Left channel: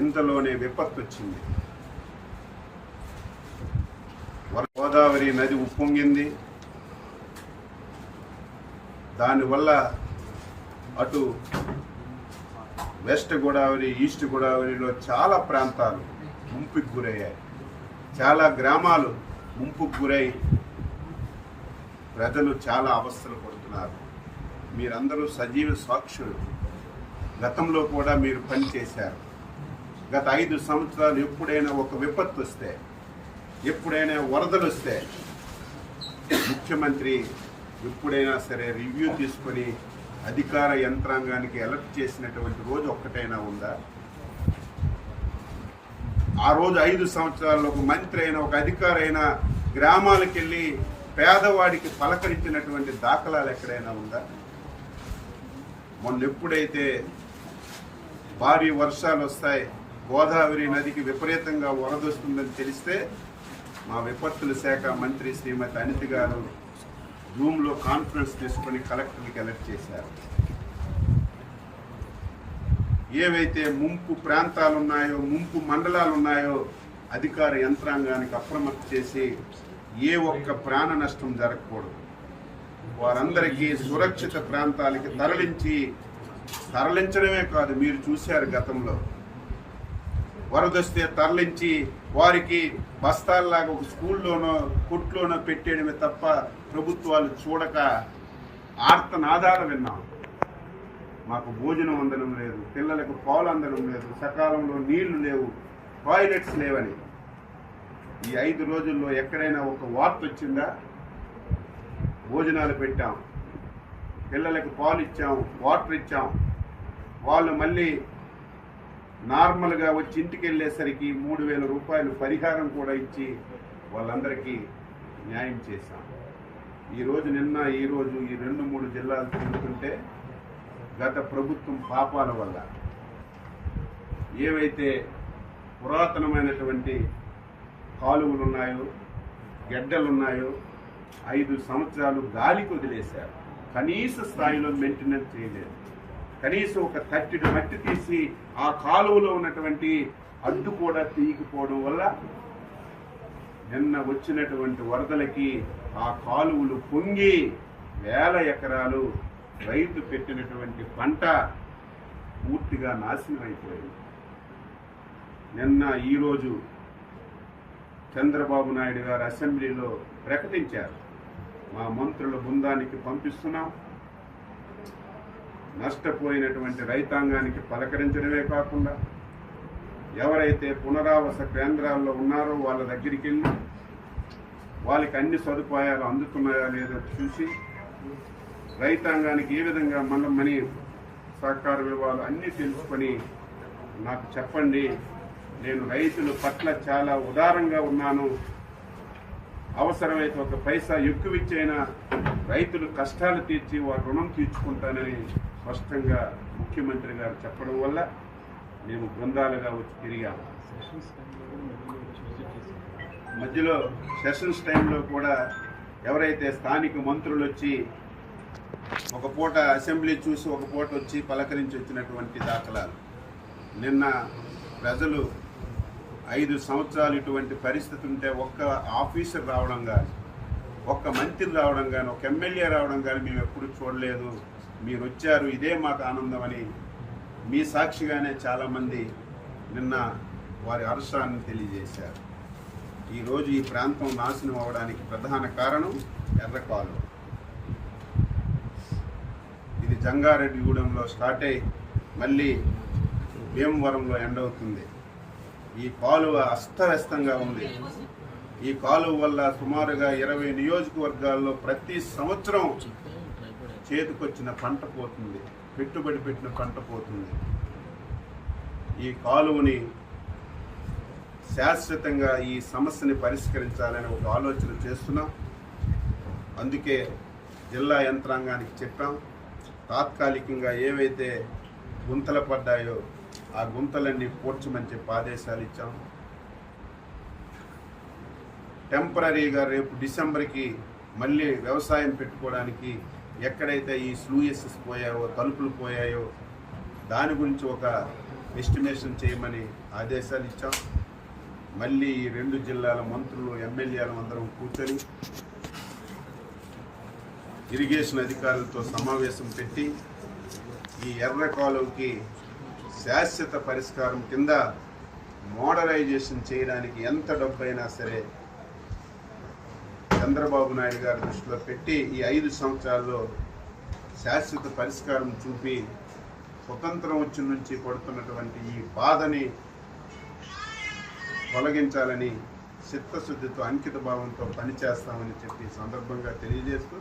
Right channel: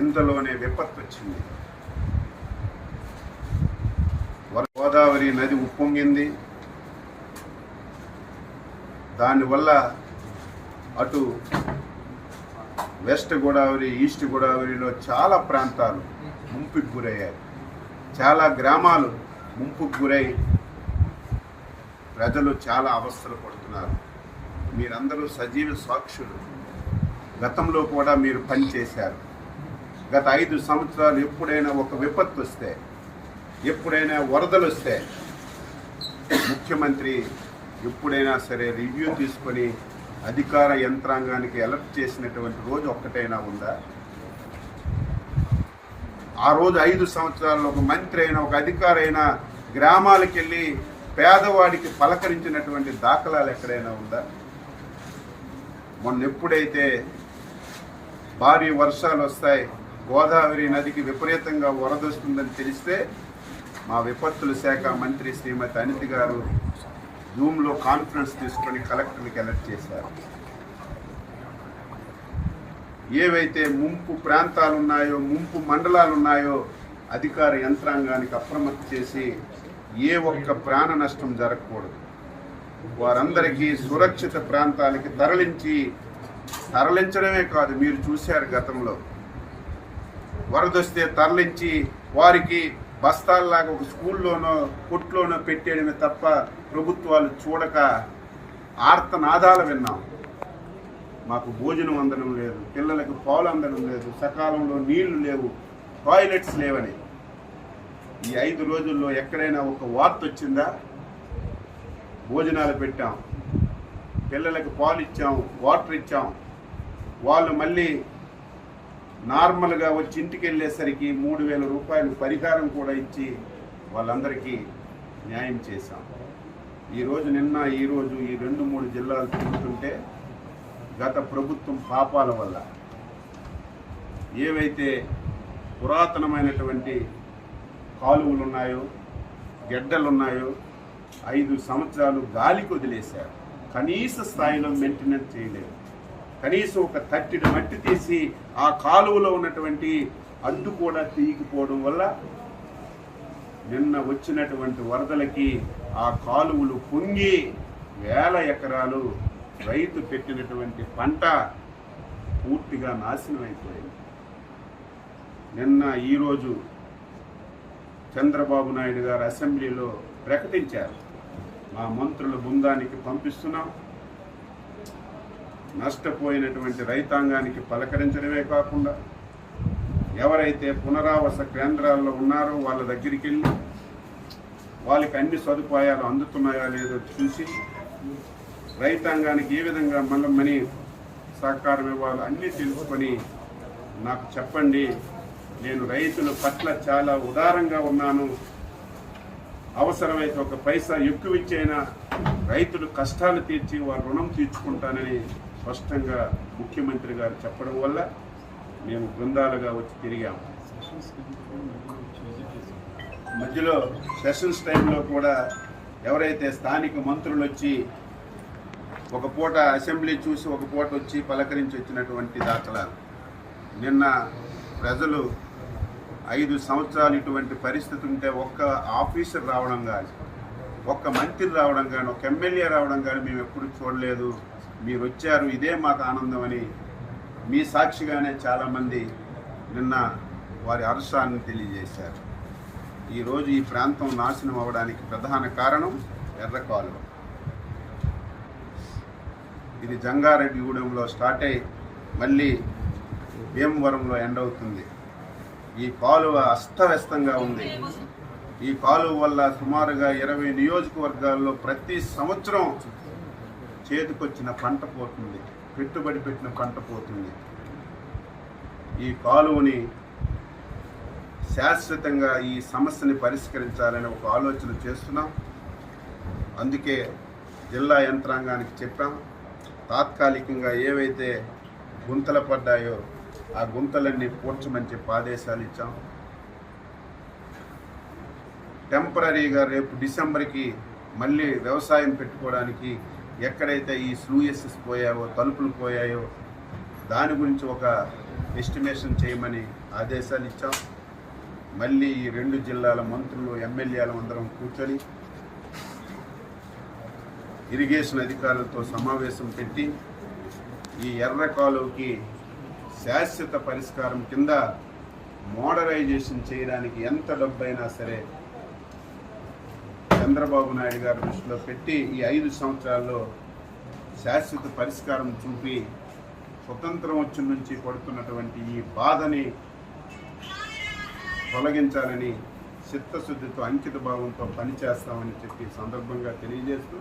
ఇంతలోనే విపత్తు వచ్చింది. గోదావరి నది ఉప్పొంగింది. దానివల్ల అటు వెస్ట్ గోదావరి, ఈస్ట్ గోదావరిలో చాలా ప్రాంతాలు ముంపుకు గురయ్యాయి. చాలా గ్రామాలు ముంపుకు గురై ప్రజలు చాలా అవస్థలు పడుతున్నారు. మీరందరూ సజీవ సాక్షులు. గతంలో కూడా మీరు పనిచేశారు. గత 5 సంవత్సరాలు ఎప్పుడైనా ఒక విపత్తు వస్తే, ఎప్పుడైనా వరదలు వస్తే ముఖ్యమంత్రి ఎప్పుడైనా సరే రివ్యూ తీసుకొని అధికార యంత్రాంగానికి అలర్ట్ చేసినటువంటి రోజు ఒక్కటైనా ఉందా? ఆ రోజు 5 సంవత్సరాల్లో ఒక మంత్రి అయినా, ఒక అధికారి అయినా గ్రామాలకు వెళ్ళి పేదవాడికి పలకరించినటువంటి దాఖలాలు ఎక్కడైనా ఉందా? మొన్న ఎప్పుడైతే భారీ వర్షాలు వస్తాయి, గోదావరి నదికి విపరీతంగా వరదొస్తుందని తెలిస్తే మా విపత్తుల శాఖ మంత్రి శ్రీమతి అనిత గారు జూమ్లో కాన్ఫరెన్స్ తీసుకొని కలెక్టర్కి అలర్ట్ చేశారు. ఏవైతే ముంపు ప్రాంతాలు ఉన్నాయో, ముంపు మండలాలు ఉన్నాయో అధికార యంత్రాంగానికి అప్రమత్తం చేసి ఏ ఒక్క ప్రాణ నష్టం జరగకూడదు, వారందరికీ సురక్షిత ప్రాంతాలకి తరలించడమే కాదు, మీరు చూశారు గతంలో వరదొస్తే తరలించి వారికి బస్తాల్లాగా ఒక స్కూల్లోనో కొట్లోనో పెట్టేయడమే తప్ప ప్రభుత్వాలు చూడక ఆర్తనాదాలు విన్నాం. మాకు భోజనం అందడం లేదు, పిల్లలకు పాలు అందడం లేదు, సకాలంలో నీళ్లు లేవు, టాయిలెట్స్ లేవని. ఈ 5 రోజుల్లో ఎక్కడైనా ఒక వార్త వచ్చిందా? భోజనాలు పెట్టాం, పిల్లలకు పాలు ఇచ్చాం, వాటర్ ఇచ్చాం, వాళ్ళు మళ్ళీ నార్మల్గా వచ్చి ఇంటికి వెళ్ళేసరికి 3,000 రూపాయలు పరిహారం కూడా ఇచ్చి వాళ్ళందరికీ న్యాయం చేశాం. నిన్న ఈరోజు ఈ 2-3 జిల్లాలు తిరుగుతుంటే గత ప్రభుత్వం పాపాల వల్ల ఏవైతే పురాతనమైనటువంటి కాలువలు ఉన్నాయో, గెడ్డలున్నాయో 5 సంవత్సరాలు గాలికి వదిలేశారు. కనీస స్థాయిలో మెయింటెనెన్స్ చేయలేదు. కనీసం ఒక తట్టిడి మట్టి తీసి ఆ కాలువలో ఉన్నటువంటి అడ్డు కూడా తీయకపోవడం వల్ల నిన్న వచ్చినటువంటి వరదలకి ఆ కాలువలు పొంగి వేల ఎకరాలు రైతు పెట్టినటువంటి పంట పూర్తిగా నాశనం అయిపోయింది. నిన్న ఈరోజు చంద్రబాబు నాయుడు గారు అసెంబ్లీలో ప్రకటించారు, మా మంత్రుల బృందానికి పంపిస్తున్నాం, నష్టపోయినటువంటి రైతాంగానికి పలకరించడమే కాకుండా ఎవరైతే పునరావాస కేంద్రాల్లో ఉన్నారో వాళ్ళ దగ్గరికి వెళ్ళి వాళ్ళకి అన్ని సదుపాయాలు అందుతున్నాయో లేదో చూసి రైతాంగానికి ఏ విధంగా మనీ సహకారం ఇవ్వాలో అన్నీ తెలుసుకొని నాకు చెప్పండి, నేను రైతుల పట్ల చాలా ఉదారంగా ఉన్నాను, అవసరమైతే ఒక పైసా ఎక్కువ ఇచ్చైనా రైతులు కష్టాలు తీర్చి వారి రుణం తీర్చుకుంటానని స్పష్టంగా ముఖ్యమంత్రి గారు చెప్పడం వల్ల మేము బృందాలుగా వచ్చి తిరిగాము. మధ్యలో సెషన్స్ టైంలో కూడా ఎవరైతే స్థానిక మంత్రులు వచ్చి ఒక పూట అసెంబ్లీ చూసి ఒక పూట వచ్చి పలకరించి వచ్చినటువంటి దాఖలాలు. నిన్న ప్రజలు 5 సంవత్సరాలు ఇటువంటి పరిస్థితి ఉంటే ఒక్క ఆఫీసర్ రావడం కానీ, ఒక్క మంత్రి రావడం కానీ, ఒక ఎమ్మెల్యే రావడం కానీ మేము ఎప్పుడు చూడలేదు. మీరు వచ్చారు, ఇదే మాకు ఆనందం అని మీ సాక్షిగానే చాలామంది నిన్న వారి హర్షాన్ని తెలియజేశారు. ఈరోజు ఈ ప్రాంతం నాశనం అవ్వడానికి ప్రధాన కారణం ఎర్ర కాలువ. ఇది జంగారెడ్డిగూడెంలో స్టార్ట్ అయ్యి మళ్ళీ భీమవరంలో ఎండ్ అవుతుంది. ఈ కాలువ అస్తవ్యస్తంగా ఉంది. ఈ కాలువ వల్ల సుమారుగా 20 నియోజకవర్గాల్లో ప్రతి సంవత్సరం చేతికొచ్చిన పంట పోతుంది, పెట్టుబడి పెట్టిన పంట పోతుంది. ఈ కాలువని శాశ్వతంగా ఈ సమస్యని పరిష్కరించాలని ఒక ఆలోచన చేస్తున్నాం. అందుకే జిల్లా యంత్రాంగానికి చెప్పాం, తాత్కాలికంగా ఏవైతే గుంతలు పడ్డాయో ఆ గుంతలన్నీ పూడ్చమని చెప్పి ఆదేశాలు ఇచ్చాం. టెంపరీగా రేపు డిసెంబర్కి మళ్ళీ వ్యవసాయం పెట్టుకోవడానికి ఎక్కడైతే ఈ స్లూయసెస్ పోయాయో, తలుపులు పోయాయో దాని గురించి ఒక ఎస్టిమేషన్ చేయమని ఆదేశాలు ఇచ్చాం. మళ్ళీ ఈ 2 జిల్లాల మంత్రులు ఎమ్మెల్యేలు అందరం కూర్చొని ఇరిగేషన్ అధికారులతో సమావేశం పెట్టి ఈ ఎర్ర కాలువకి శాశ్వత పరిష్కారం కింద మోడరైజేషన్ చేయడానికి ఎంత డబ్బైనా సరే చంద్రబాబు నాయుడు గారి దృష్టిలో పెట్టి ఈ 5 సంవత్సరాల్లో శాశ్వత పరిష్కారం చూపి స్వతంత్రం వచ్చి నుంచి పడుతున్నటువంటి ఈ బాధని తొలగించాలని చిత్తశుద్ధితో అంకిత భావంతో పనిచేస్తామని చెప్పి సందర్భంగా తెలియజేస్తూ